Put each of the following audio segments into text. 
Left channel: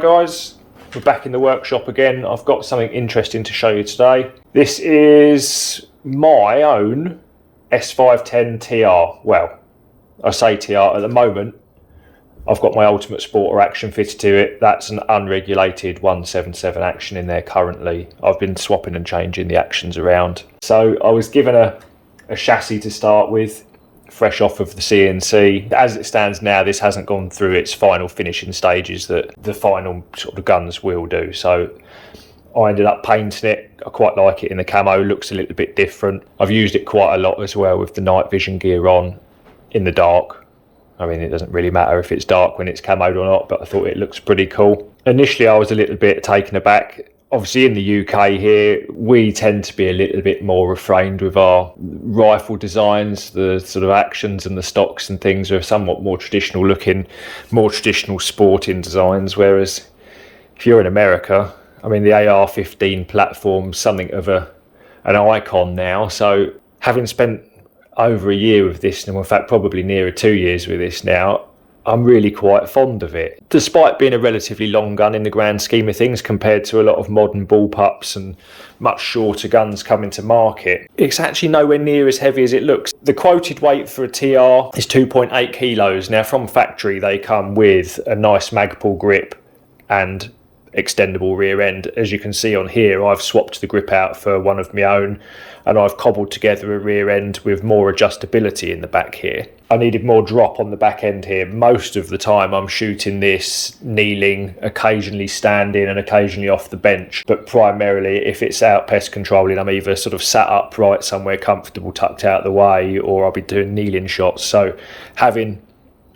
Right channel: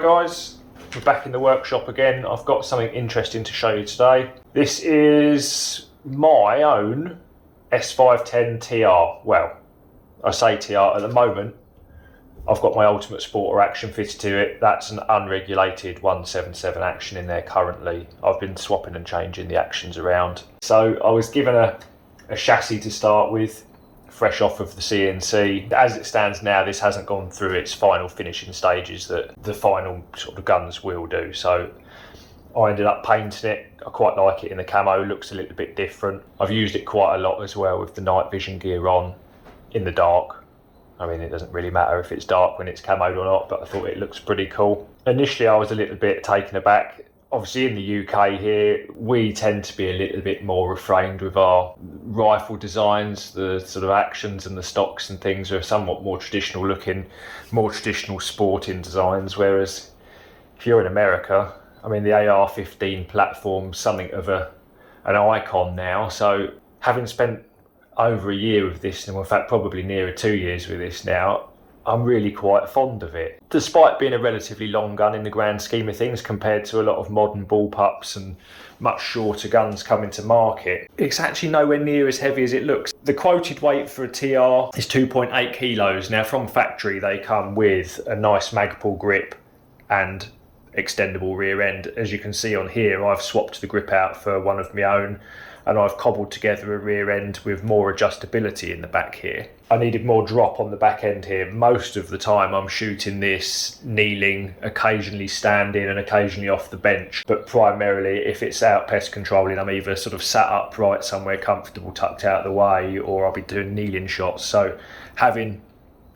guys, we're back in the workshop again. I've got something interesting to show you today. This is my own S510 TR. Well, I say TR at the moment. I've got my Ultimate Sporter action fitted to it. That's an unregulated 177 action in there currently. I've been swapping and changing the actions around. So I was given a chassis to start with, fresh off of the CNC. As it stands now, this hasn't gone through its final finishing stages that the final sort of guns will do. So I ended up painting it. I quite like it in the camo, looks a little bit different. I've used it quite a lot as well with the night vision gear on in the dark. I mean, it doesn't really matter if it's dark when it's camoed or not, but I thought it looks pretty cool. Initially, I was a little bit taken aback. Obviously, in the UK here, we tend to be a little bit more refrained with our rifle designs. The sort of actions and the stocks and things are somewhat more traditional looking, more traditional sporting designs. Whereas if you're in America, I mean, the AR-15 platform's something of an icon now. So having spent over a year with this, and in fact probably nearer 2 years with this now, I'm really quite fond of it. Despite being a relatively long gun in the grand scheme of things compared to a lot of modern bullpups and much shorter guns coming to market, it's actually nowhere near as heavy as it looks. The quoted weight for a TR is 2.8 kilos. Now from factory they come with a nice Magpul grip and extendable rear end. As you can see on here, I've swapped the grip out for one of my own, and I've cobbled together a rear end with more adjustability in the back here. I needed more drop on the back end here. Most of the time I'm shooting this kneeling, occasionally standing and occasionally off the bench, but primarily if it's out pest controlling, I'm either sort of sat upright somewhere comfortable tucked out the way, or I'll be doing kneeling shots. So having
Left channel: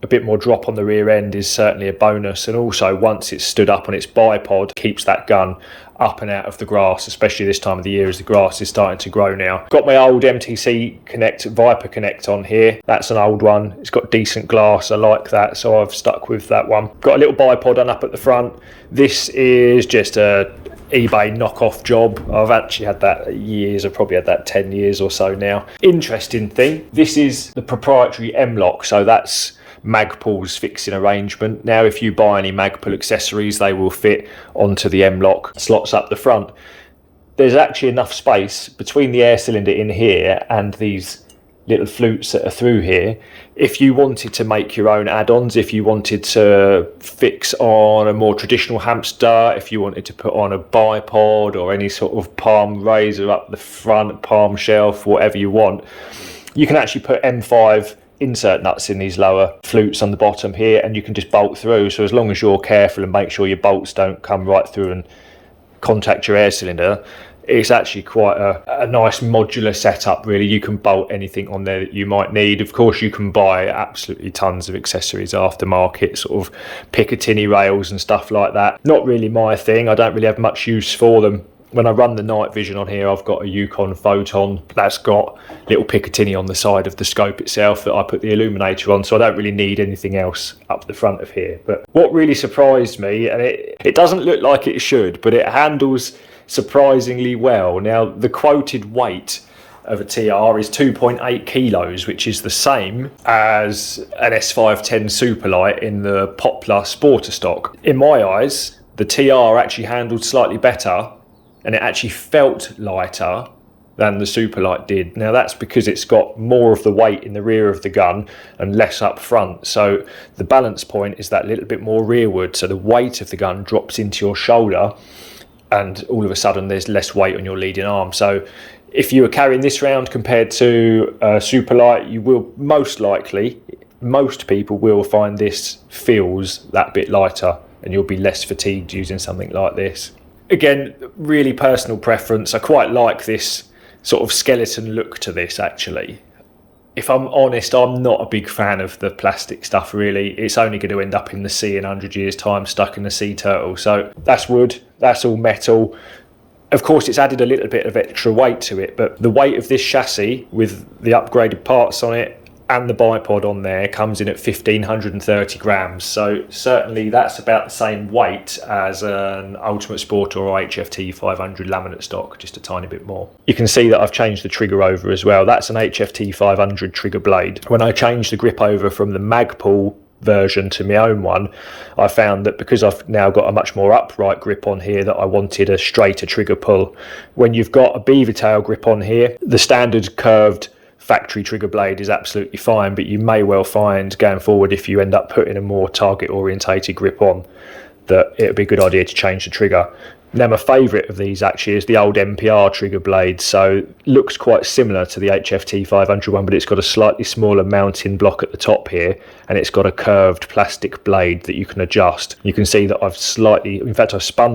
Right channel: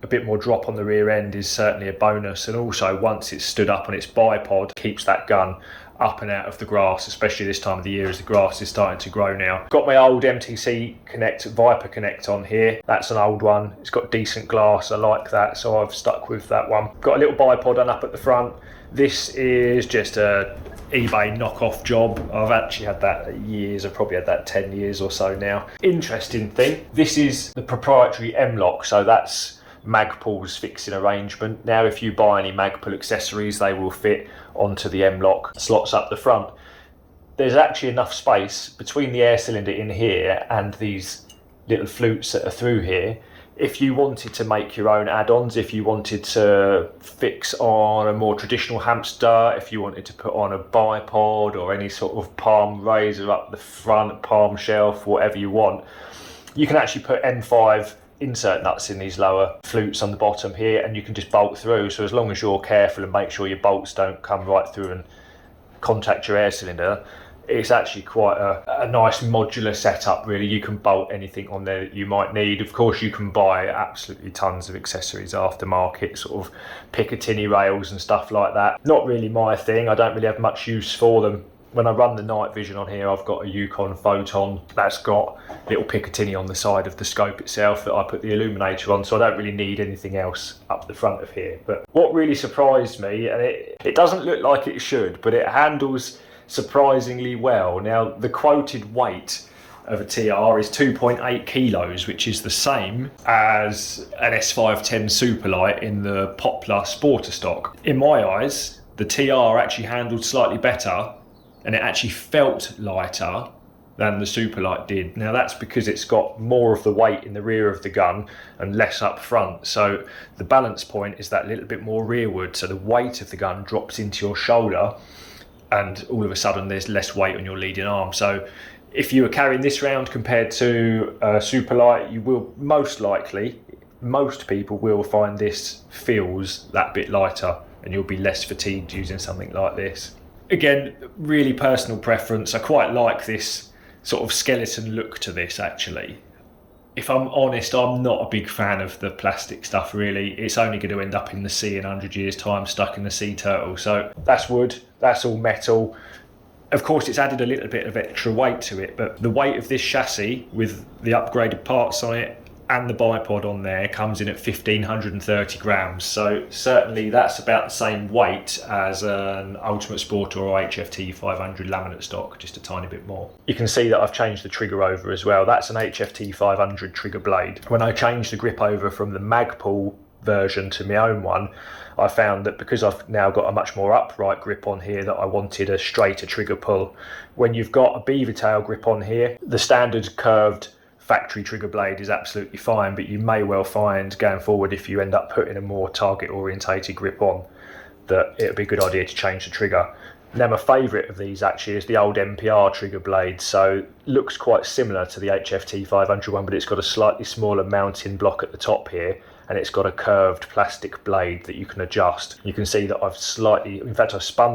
a bit more drop on the rear end is certainly a bonus, and also once it's stood up on its bipod, keeps that gun up and out of the grass, especially this time of the year as the grass is starting to grow now. Got my old MTC Connect Viper Connect on here. That's an old one. It's got decent glass. I like that, so I've stuck with that one. Got a little bipod on up at the front. This is just a eBay knockoff job. I've actually had that years. I've probably had that 10 years or so now. Interesting thing, this is the proprietary M-Lock, so that's Magpul's fixing arrangement. Now if you buy any Magpul accessories, they will fit onto the M-Lock slots up the front. There's actually enough space between the air cylinder in here and these little flutes that are through here. If you wanted to make your own add-ons, if you wanted to fix on a more traditional hamster, if you wanted to put on a bipod or any sort of palm raiser up the front, palm shelf, whatever you want, you can actually put M5 insert nuts in these lower flutes on the bottom here, and you can just bolt through. So as long as you're careful and make sure your bolts don't come right through and contact your air cylinder, it's actually quite a nice modular setup really. You can bolt anything on there that you might need. Of course you can buy absolutely tons of accessories aftermarket, sort of Picatinny rails and stuff like that. Not really my thing. I don't really have much use for them. When I run the night vision on here, I've got a Yukon Photon that's got little Picatinny on the side of the scope itself that I put the illuminator on, so I don't really need anything else up the front of here. But what really surprised me, and it doesn't look like it should, but it handles surprisingly well. Now the quoted weight of a TR is 2.8 kilos, which is the same as an S510 Superlight in the Poplar Sporter stock. In my eyes, the TR actually handled slightly better, and it actually felt lighter than the Superlight did. Now that's because it's got more of the weight in the rear of the gun and less up front. So the balance point is that little bit more rearward. So the weight of the gun drops into your shoulder, and all of a sudden there's less weight on your leading arm. So if you were carrying this round compared to a Superlight, you will most likely, most people will find this feels that bit lighter, and you'll be less fatigued using something like this. Again, really personal preference. I quite like this sort of skeleton look to this actually. If I'm honest, I'm not a big fan of the plastic stuff really. It's only going to end up in the sea in 100 years time, stuck in a sea turtle. So that's wood, that's all metal. Of course it's added a little bit of extra weight to it, but the weight of this chassis with the upgraded parts on it and the bipod on there comes in at 1,530 grams. So certainly that's about the same weight as an Ultimate Sporter or HFT 500 laminate stock, just a tiny bit more. You can see that I've changed the trigger over as well. That's an HFT 500 trigger blade. When I changed the grip over from the Magpul version to my own one, I found that because I've now got a much more upright grip on here, that I wanted a straighter trigger pull. When you've got a beaver tail grip on here, the standard curved factory trigger blade is absolutely fine, but you may well find going forward, if you end up putting a more target orientated grip on, that it would be a good idea to change the trigger. Now, my favourite of these actually is the old MPR trigger blade. So looks quite similar to the HFT 500 one, but it's got a slightly smaller mounting block at the top here, and it's got a curved plastic blade that you can adjust. You can see that I've spun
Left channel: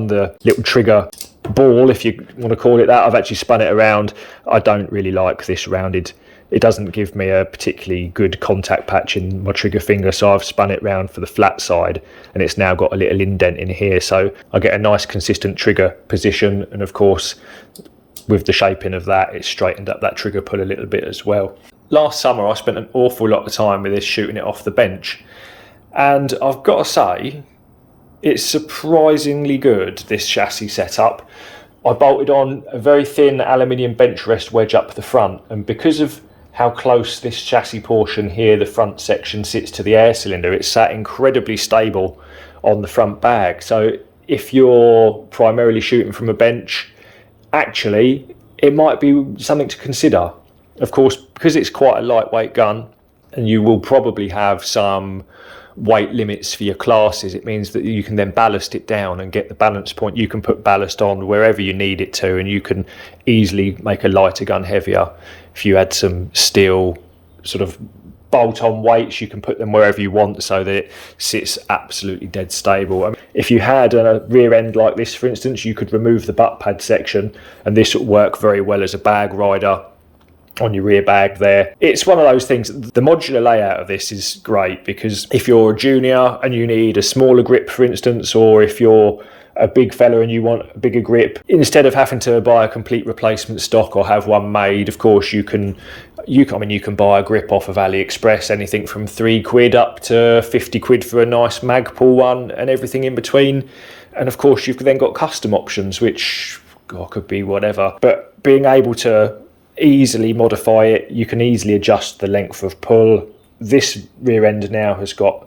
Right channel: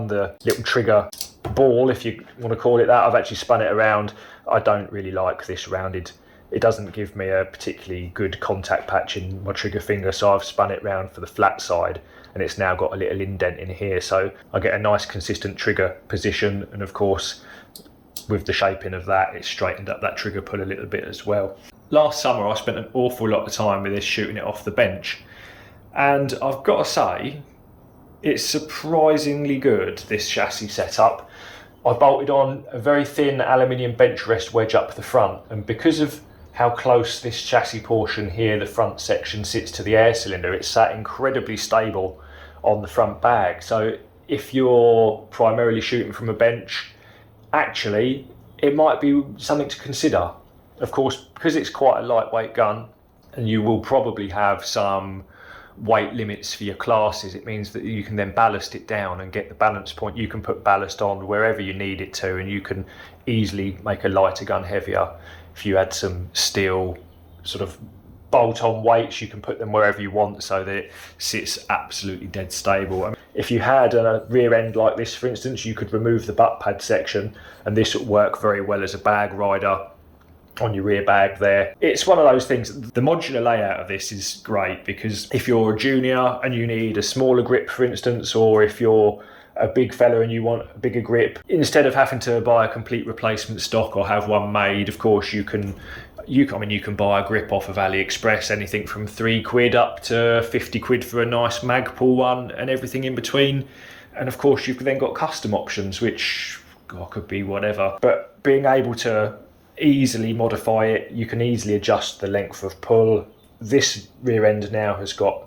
the little trigger ball, if you want to call it that. I've actually spun it around. I don't really like this rounded. It doesn't give me a particularly good contact patch in my trigger finger, so I've spun it round for the flat side, and it's now got a little indent in here, so I get a nice consistent trigger position. And of course, with the shaping of that, it's straightened up that trigger pull a little bit as well. Last summer I spent an awful lot of time with this, shooting it off the bench, and I've got to say it's surprisingly good, this chassis setup. I bolted on a very thin aluminium bench rest wedge up the front, and because of how close this chassis portion here, the front section, sits to the air cylinder, it's sat incredibly stable on the front bag. So if you're primarily shooting from a bench, actually it might be something to consider. Of course, because it's quite a lightweight gun, and you will probably have some weight limits for your classes, it means that you can then ballast it down and get the balance point. You can put ballast on wherever you need it to, and you can easily make a lighter gun heavier. If you had some steel sort of bolt-on weights, you can put them wherever you want so that it sits absolutely dead stable. I mean, if you had a rear end like this, for instance, you could remove the butt pad section, and this would work very well as a bag rider on your rear bag there. It's one of those things. The modular layout of this is great, because if you're a junior and you need a smaller grip, for instance, or if you're a big fella and you want a bigger grip, instead of having to buy a complete replacement stock or have one made, of course you can buy a grip off of AliExpress, anything from £3 up to 50 quid for a nice Magpul one, and everything in between. And of course you've then got custom options, which could be whatever, but being able to easily modify it, you can easily adjust the length of pull. This rear end now has got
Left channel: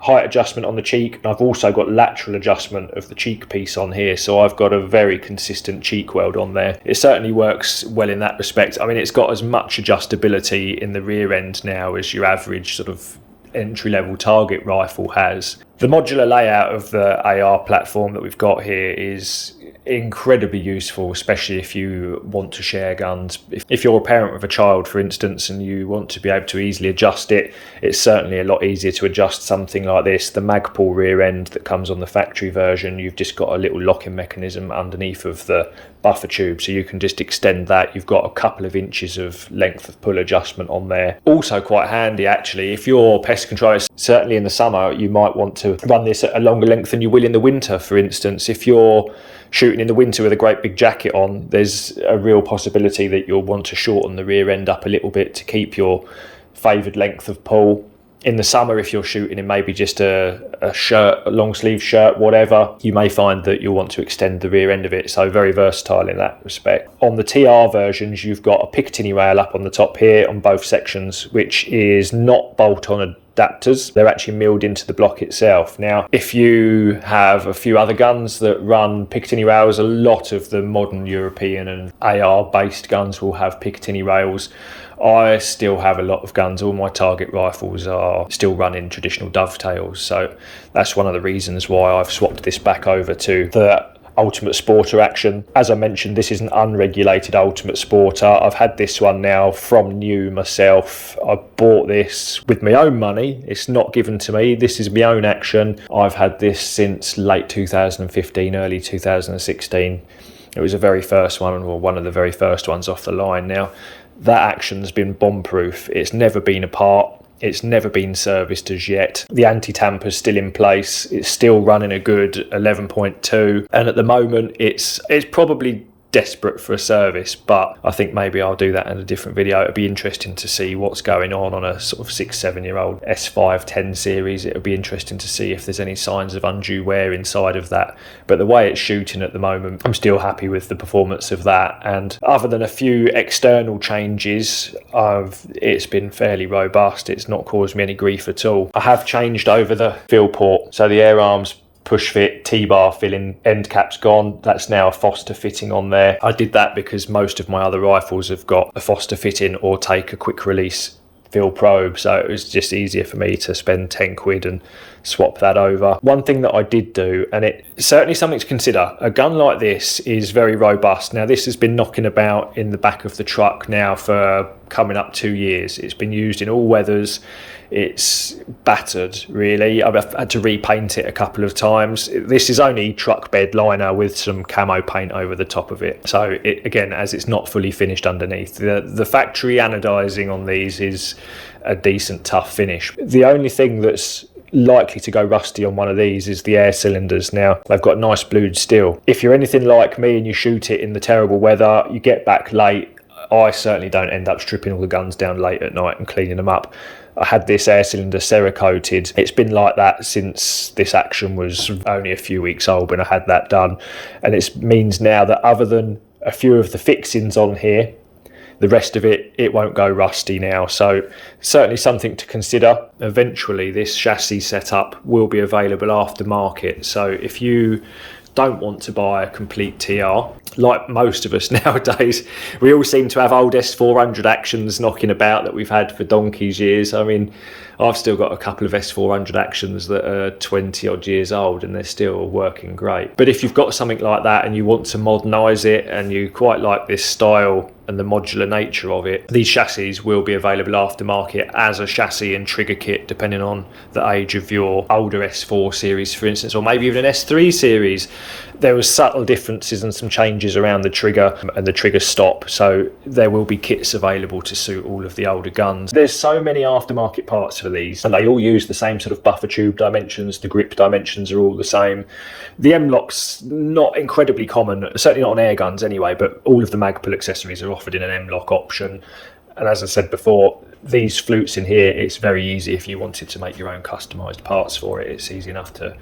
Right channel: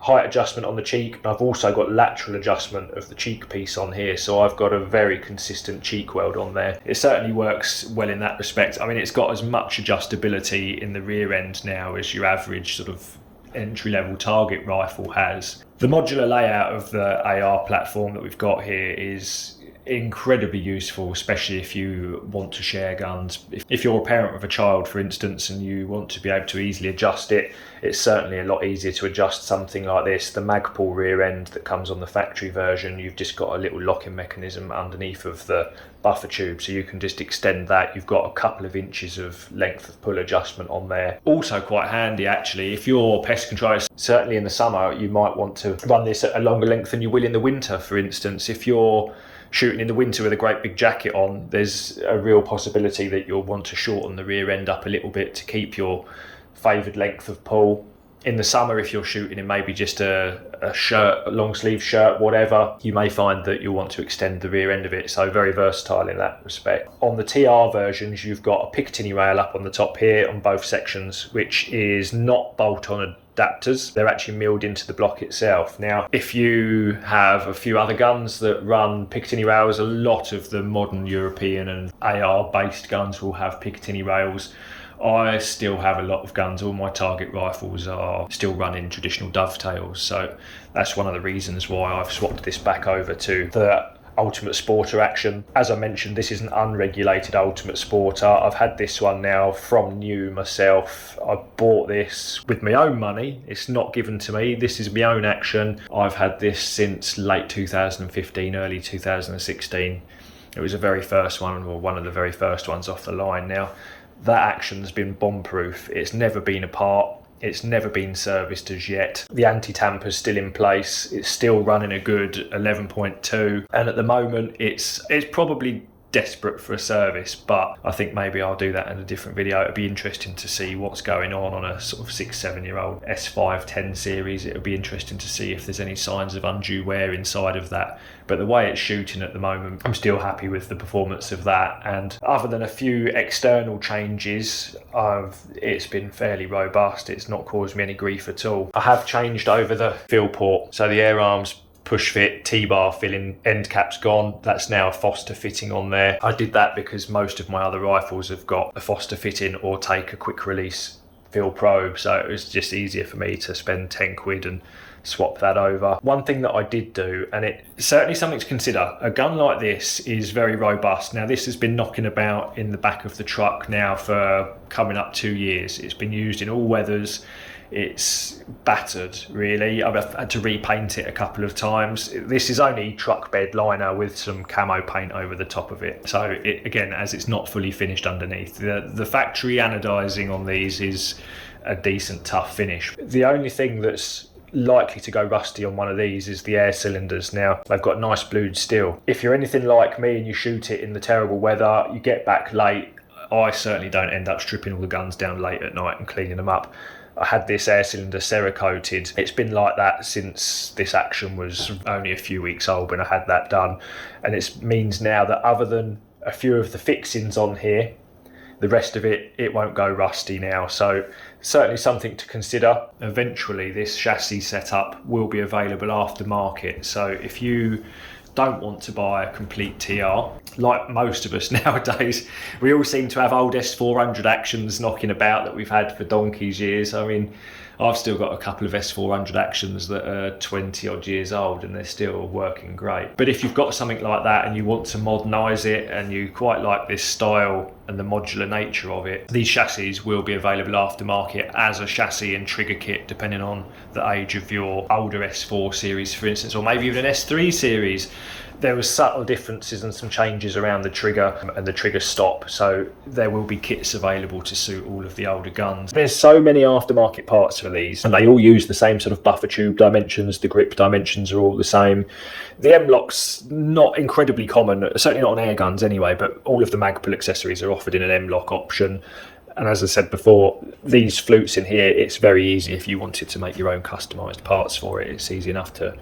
height adjustment on the cheek, and I've also got lateral adjustment of the cheek piece on here, so I've got a very consistent cheek weld on there. It certainly works well in that respect. I mean, it's got as much adjustability in the rear end now as your average sort of entry-level target rifle has. The modular layout of the AR platform that we've got here is incredibly useful, especially if you want to share guns. If you're a parent with a child, for instance, and you want to be able to easily adjust it, it's certainly a lot easier to adjust something like this. The Magpul rear end that comes on the factory version, you've just got a little locking mechanism underneath of the buffer tube, so you can just extend that. You've got a couple of inches of length of pull adjustment on there. Also quite handy actually if you're pest controllers. Certainly in the summer you might want to run this at a longer length than you will in the winter, for instance. If you're shooting in the winter with a great big jacket on, there's a real possibility that you'll want to shorten the rear end up a little bit to keep your favoured length of pull. In the summer, if you're shooting in maybe just a shirt, a long sleeve shirt, whatever, you may find that you'll want to extend the rear end of it. So very versatile in that respect. On the TR versions, you've got a Picatinny rail up on the top here on both sections, which is not bolt-on adapters. They're actually milled into the block itself. Now, if you have a few other guns that run Picatinny rails, a lot of the modern European and AR based guns will have Picatinny rails. I still have a lot of guns. All my target rifles are still running traditional dovetails, so that's one of the reasons why I've swapped this back over to the Ultimate Sporter action. As I mentioned, this is an unregulated Ultimate Sporter. I've had this one now from new myself. I bought this with my own money. It's not given to me. This is my own action. I've had this since late 2015, early 2016. It was the very first one, or one of the very first ones off the line. Now, that action's been bomb-proof. It's never been apart. It's never been serviced as yet. The anti-tamper's still in place. It's still running a good 11.2. And at the moment, it's probably desperate for a service, but I think maybe I'll do that in a different video. It'll be interesting to see what's going on a sort of 6-7 year old S510 series. It'll be interesting to see if there's any signs of undue wear inside of that, but the way it's shooting at the moment, I'm still happy with the performance of that, and other than a few external changes, it's been fairly robust. It's not caused me any grief at all. I have changed over the fill port, so the air arms push fit T-bar filling end cap's gone. That's now a Foster fitting on there. I did that because most of my other rifles have got a Foster fitting or take a quick release fill probe, so it was just easier for me to spend 10 quid and swap that over. One thing that I did do, and it's certainly something to consider, a gun like this is very robust. Now this has been knocking about in the back of the truck now for coming up 2 years. It's been used in all weathers. It's battered, really. I've had to repaint it a couple of times. This is only truck bed liner with some camo paint over the top of it. So it, again, as it's not fully finished underneath, the factory anodizing on these is a decent tough finish. The only thing that's likely to go rusty on one of these is the air cylinders. Now they've got nice blued steel. If you're anything like me and you shoot it in the terrible weather, you get back late. I certainly don't end up stripping all the guns down late at night and cleaning them up. I had this air cylinder Cerakoted. It's been like that since this action was only a few weeks old when I had that done, and it means now that other than a few of the fixings on here, the rest of it won't go rusty now. So certainly something to consider. Eventually this chassis setup will be available aftermarket, so if you don't want to buy a complete TR, like most of us nowadays, we all seem to have old S400 actions knocking about that we've had for donkey's years. I mean, I've still got a couple of S400 actions that are 20 odd years old and they're still working great. But if you've got something like that and you want to modernise it and you quite like this style and the modular nature of it, these chassis will be available aftermarket as a chassis and trigger kit, depending on the age of your older S4 series, for instance, or maybe even an S3 series. There were subtle differences and some changes around the trigger and the trigger stop, so there will be kits available to suit all of the older guns. There's so many aftermarket parts for these, and they all use the same sort of buffer tube dimensions. The grip dimensions are all the same. The M-lock's not incredibly common, certainly not on air guns anyway, but all of the Magpul accessories are offered in an M-lock option. And as I said before, these flutes in here, it's very easy if you wanted to make your own customised parts for it. It's easy enough to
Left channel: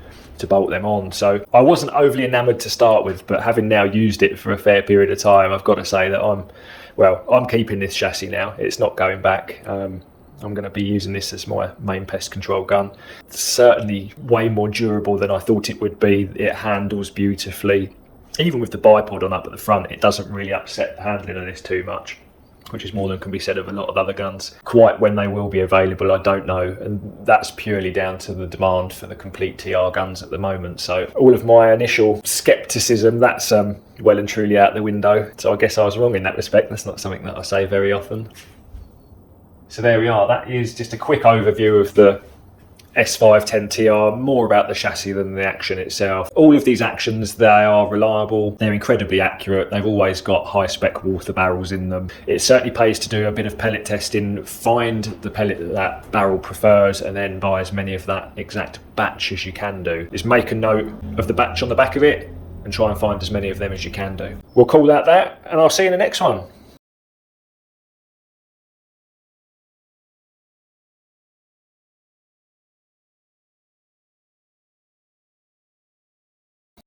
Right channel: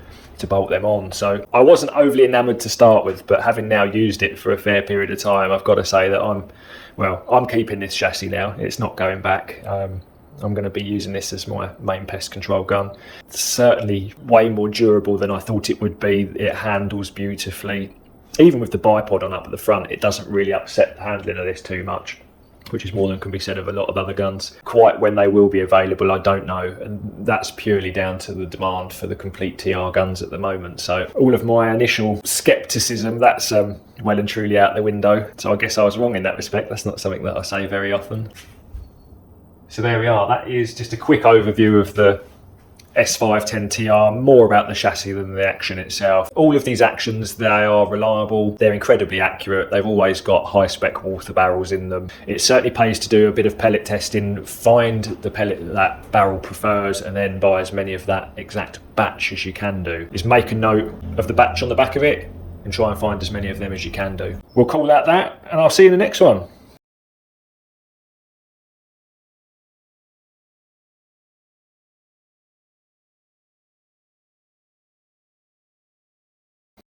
bolt them on. So I wasn't overly enamoured to start with, but having now used it for a fair period of time, I've got to say that I'm keeping this chassis now. It's not going back. I'm going to be using this as my main pest control gun. It's certainly way more durable than I thought it would be. It handles beautifully. Even with the bipod on up at the front, it doesn't really upset the handling of this too much, which is more than can be said of a lot of other guns. Quite when they will be available, I don't know, and that's purely down to the demand for the complete TR guns at the moment. So all of my initial scepticism, that's well and truly out the window. So I guess I was wrong in that respect. That's not something that I say very often. So there we are. That is just a quick overview of the S510 TR, more about the chassis than the action itself. All of these actions, they are reliable, they're incredibly accurate, they've always got high spec water barrels in them. It certainly pays to do a bit of pellet testing, find the pellet that barrel prefers, and then buy as many of that exact batch as you can do. Is make a note of the batch on the back of it and try and find as many of them as you can do. We'll call that, and I'll see you in the next one.